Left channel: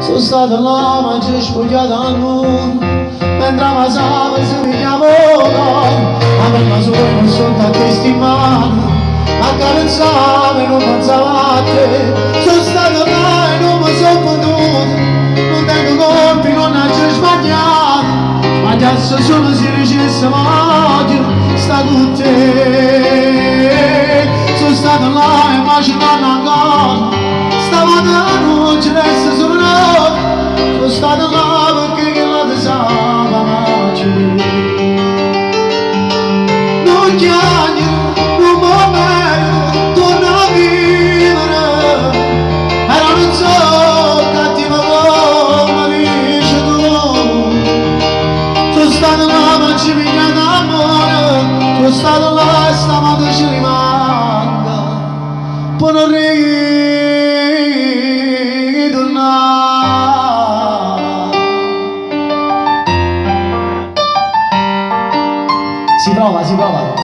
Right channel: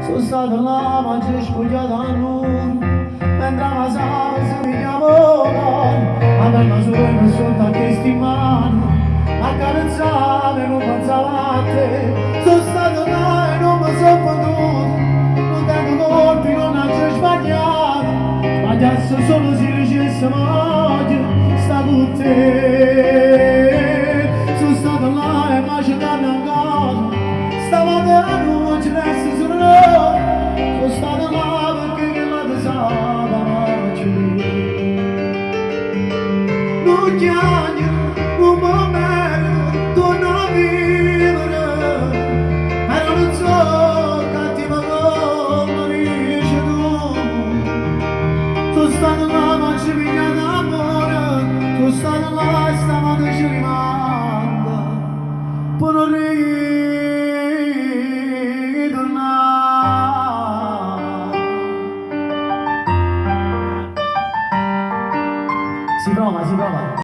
Sono stato là ma ci ho spogliato a noi, mentre avanzava si mi chiamò, ma per la sua non sotto a questi mani, accarezzava e non pensava a te. Sono stato là e non mi sono potuto, non tengo colpi, non ho sbagliato, sbagliasse solo se dicesse voglio sta con te. Sono stato là e immaginando ancora, stamattina non ci resta solo noi, sono stato là perché che la desava ma c'è. Non chiagno, non mi merito, torna a vivere, però non so cattivo come dici tu. Sono stato là ma ci piglia d'amore, sono stato là e stamattina ci rimanga, poi non ritornare. Si prova, si prova.